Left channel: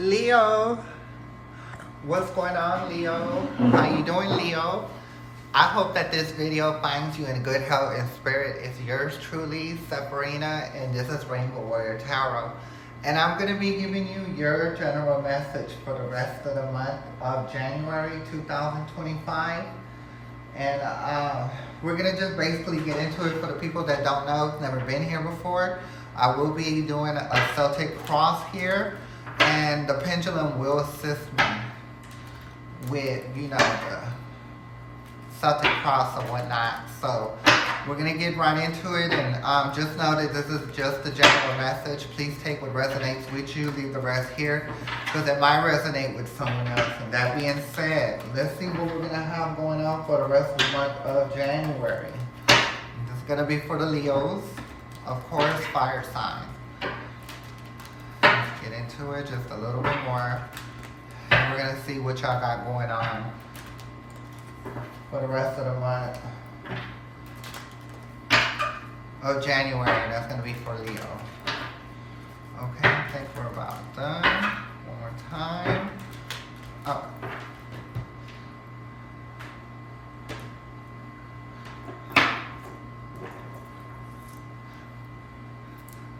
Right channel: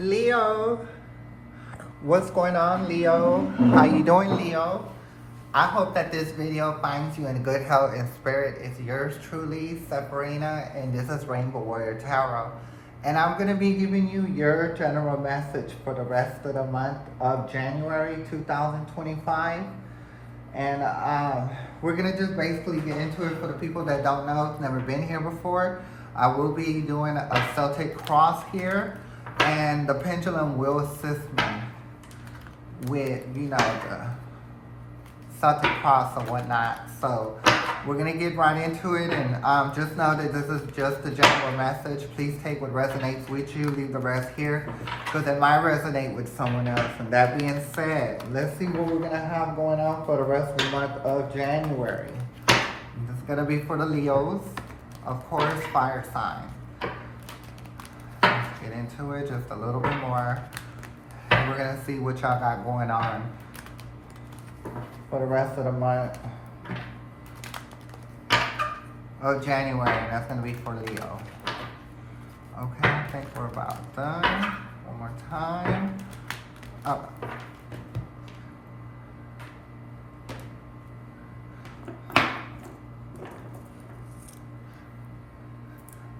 Leo, what's going on, Leo? How you doing, Leo? I hope that this video finds you in good health and spirit. It's yours truly, Sabrina, and this is Rainbow Warrior Tarot. And I'm going to be giving you your general message for the rest of the month of January 2025. And we're going to just basically get into it for the people that don't know, never been here before. I will be doing a Celtic cross here, and the pendulum will assist me with, the Celtic cross or whatnot. So we're going to get right into it, and just know that this is just the general message. Please take what resonates with you, leave the rest here, because it might resonate with someone else. And that being said, let's see what we're going to have going on for the rest of the month of January. This is going to be for the Leos, of course, fire sign. Let's get into it just a little bit more, and we're going to see what y'all got going on for the rest of the month of January. That's going to be for Leo. Okay, I think we're about done. One more time. Up.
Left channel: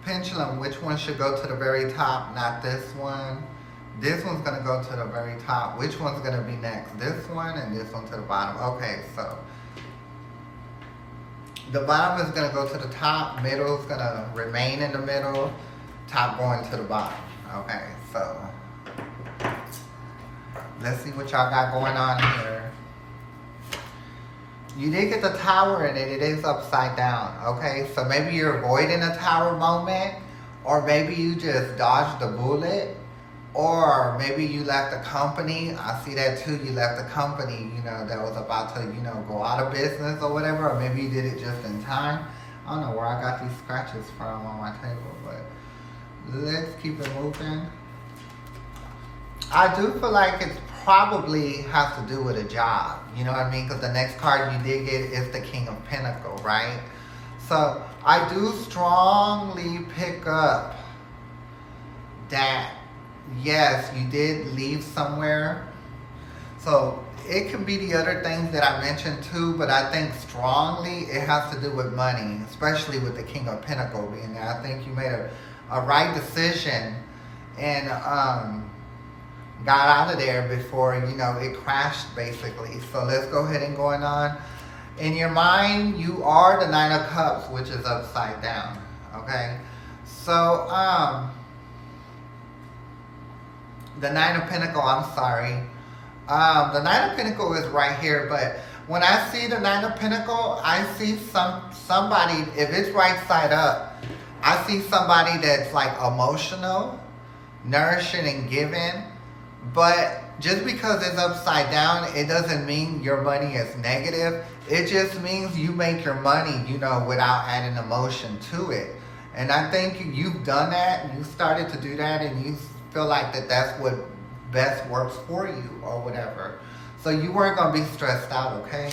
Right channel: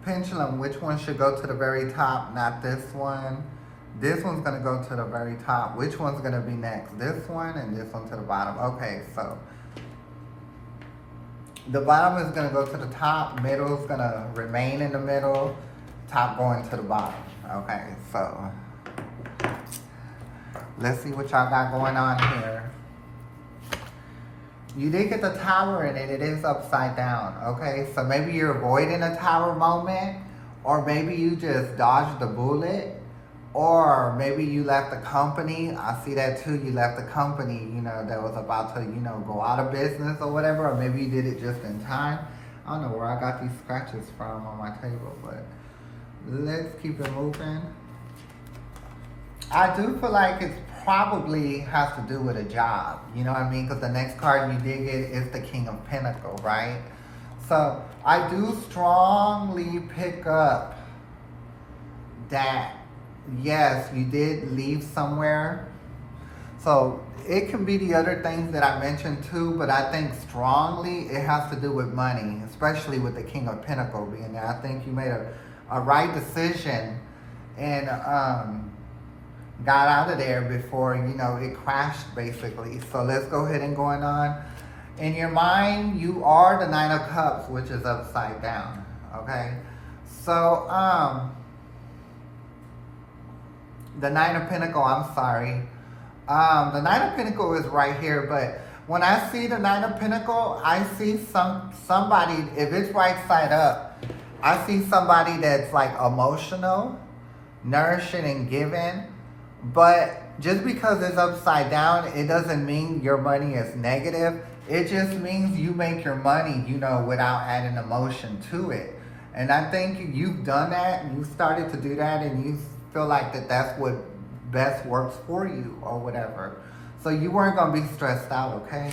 Pendulum, which one should go to the very top? Not this one. This one's going to go to the very top. Which one's going to be next? This one and this one to the bottom. Okay, so the bottom is going to go to the top. Middle is going to remain in the middle. Top going to the bottom. Okay, so let's see what y'all got going on here. You did get the tower in it. It is upside down. Okay, so maybe you're avoiding a tower moment, or maybe you just dodged the bullet, or maybe you left the company. I see that too. You left the company, that was about to, go out of business or whatever, or maybe you did it just in time. I don't know where I got these scratches from on my table, but let's keep it moving. I do feel like it's probably has to do with a job, you know what I mean? Because the next card you did get is the King of Pentacles, right? So I do strongly pick up that, yes, you did leave somewhere. So it can be the other things that I mentioned too, but I think strongly it has to do with money, especially with the King of Pentacles being there. I think you made a right decision and got out of there before, it crashed basically. So let's go ahead and going on. In your mind, you are the Nine of Cups, which is upside down, okay? So, the Nine of Pentacles, I'm sorry. The Nine of Pentacles is right here, but when I see the Nine of Pentacles, I see somebody, if it's right side up, I see somebody that's like emotional, nourishing and giving. But just because it's upside down, it doesn't mean your money is negative. It just means you make your money, without adding emotion to it. And I think you've done that, and you started to do that, and you feel like that's what best works for you or whatever. So you weren't going to be stressed out, okay?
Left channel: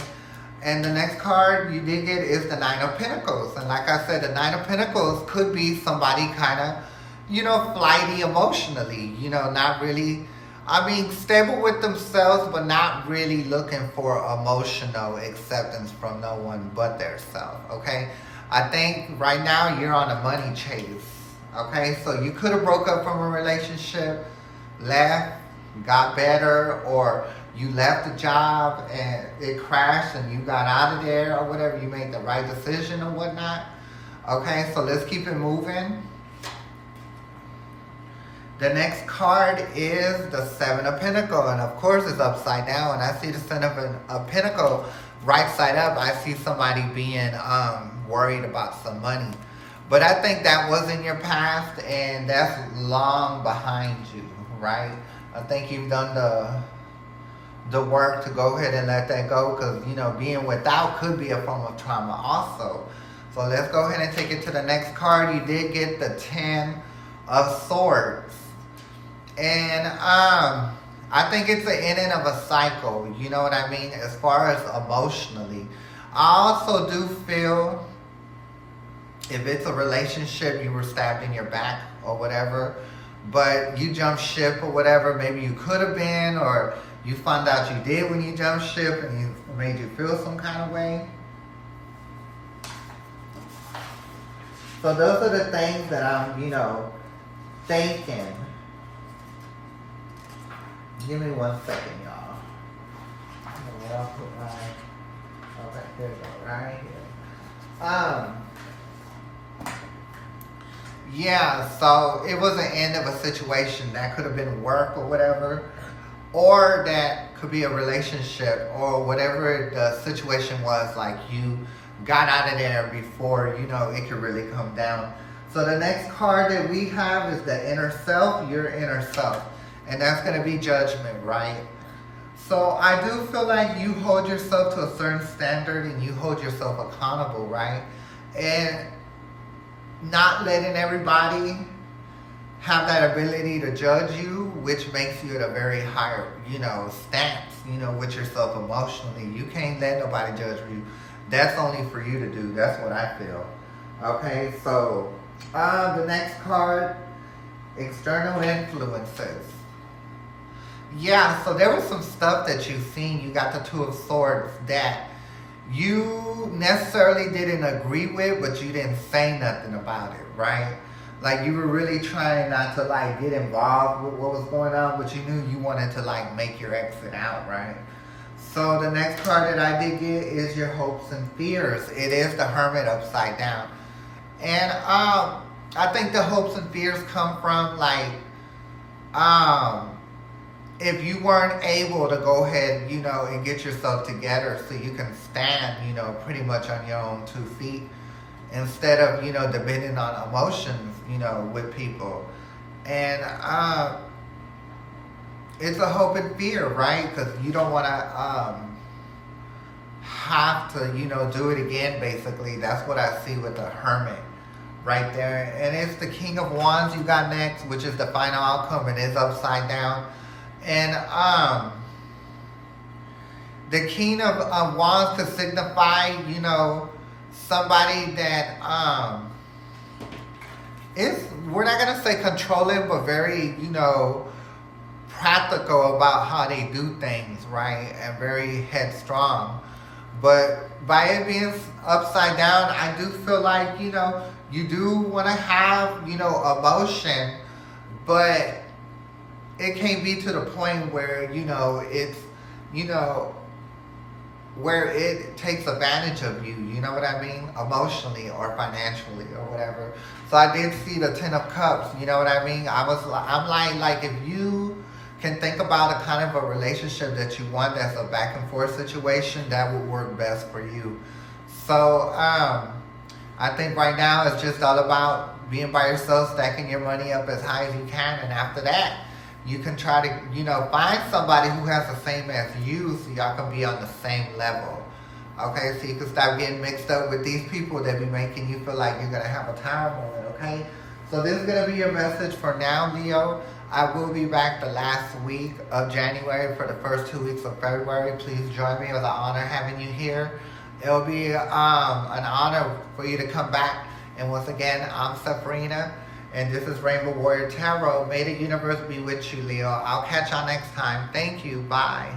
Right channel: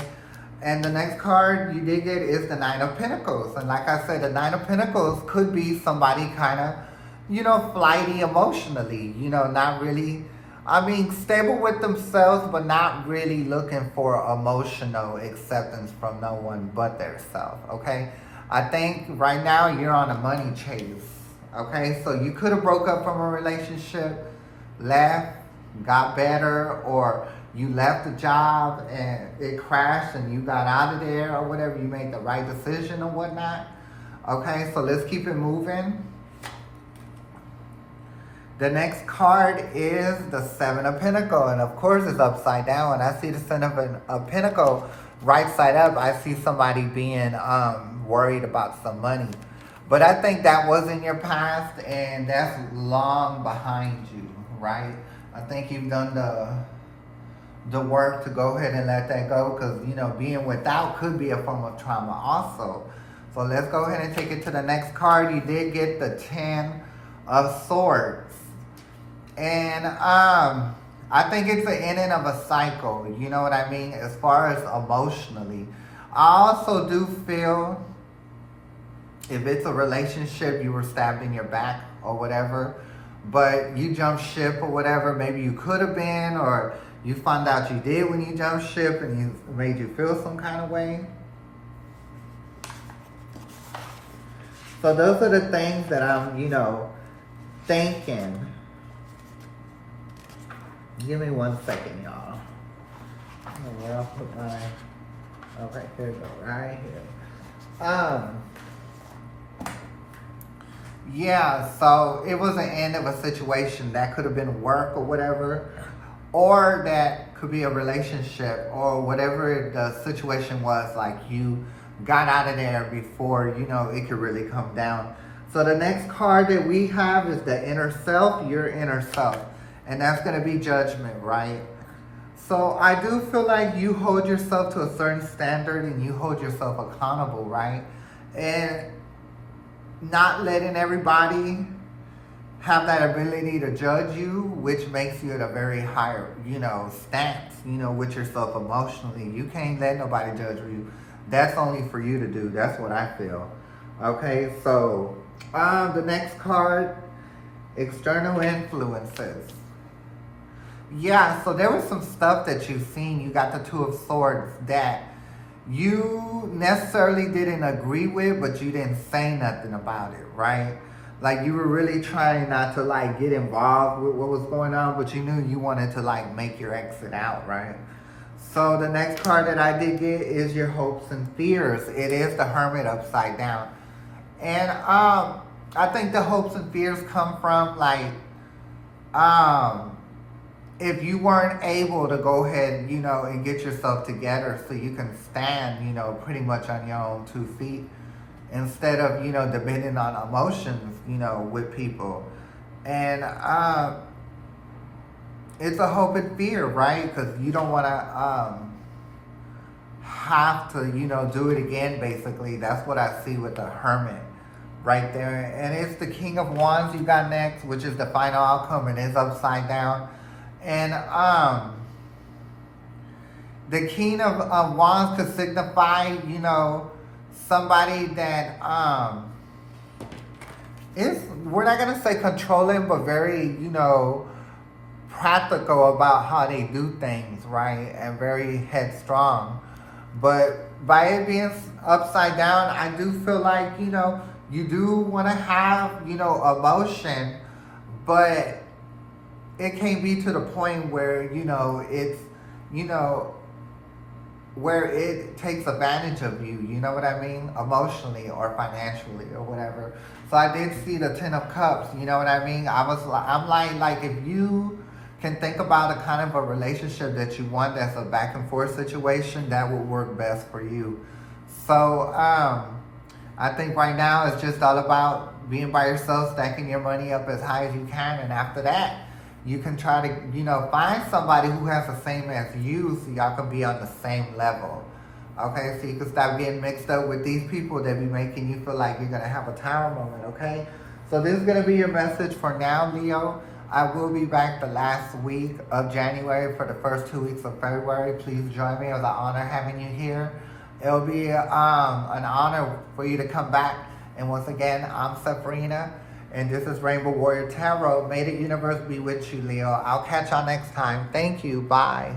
And the next card you did get is the Nine of Pentacles. And like I said, the Nine of Pentacles could be somebody kind of, flighty emotionally, not really, stable with themselves, but not really looking for emotional acceptance from no one but their self, okay? I think right now you're on a money chase, okay? So you could have broke up from a relationship, left, got better, or you left the job and it crashed and you got out of there or whatever. You made the right decision or whatnot, okay? So let's keep it moving. The next card is the Seven of Pentacles, and of course it's upside down. When I see the Seven of Pentacles right side up, I see somebody being worried about some money. But I think that was in your past, and that's long behind you, right? I think you've done the work to go ahead and let that go, because, being without could be a form of trauma also. So let's go ahead and take it to the next card. You did get the Ten of Swords. And I think it's the ending of a cycle, you know what I mean, as far as emotionally. I also do feel if it's a relationship, you were stabbed in your back or whatever, but you jumped ship or whatever. Maybe you could have been, or you found out you did when you jumped ship and it made you feel some kind of way. So those are the things that I'm, thinking. Give me 1 second, y'all. I'll put my, okay, here we go, right here. Yeah, so it was the end of a situation. That could have been work or whatever, or that could be a relationship or whatever the situation was, like you got out of there before, it could really come down. So the next card that we have is the inner self, your inner self. And that's going to be judgment, right? So I do feel like you hold yourself to a certain standard and you hold yourself accountable, right? And not letting everybody have that ability to judge you, which makes you at a very high, stance, with yourself emotionally. You can't let nobody judge you. That's only for you to do. That's what I feel. Okay, so the next card, external influences. Yeah, so there was some stuff that you've seen. You got the Two of Swords that you necessarily didn't agree with, but you didn't say nothing about it, right? Like you were really trying not to get involved with what was going on, but you knew you wanted to make your exit out, right? So the next card that I did get is your hopes and fears. It is the Hermit upside down. And I think the hopes and fears come from if you weren't able to go ahead, and get yourself together so you can stand, pretty much on your own 2 feet, instead of, depending on emotions, with people. And it's a hope and fear, right? Because you don't want to have to, do it again, basically. That's what I see with the Hermit right there. And it's the King of Wands you got next, which is the final outcome, and it's upside down. And the King of Wands could signify, somebody that is, we're not going to say controlling, but very, practical about how they do things, right? And very headstrong. But by it being upside down, I do feel like, you do want to have, emotion, but it can't be to the point where, it's, where it takes advantage of you, you know what I mean? Emotionally or financially or whatever. So I did see the Ten of Cups, you know what I mean? I'm like if you can think about a kind of a relationship that you want that's a back and forth situation, that would work best for you. So I think right now it's just all about being by yourself, stacking your money up as high as you can, and after that, you can try to, find somebody who has the same as you so y'all can be on the same level. Okay, so you can stop getting mixed up with these people that be making you feel like you're going to have a tower moment, okay? So this is going to be your message for now, Leo. I will be back the last week of January for the first 2 weeks of February. Please join me. It was an honor having you here. It'll be an honor for you to come back. And once again, I'm Sabrina. And this is Rainbow Warrior Tarot. May the universe be with you, Leo. I'll catch y'all next time. Thank you. Bye.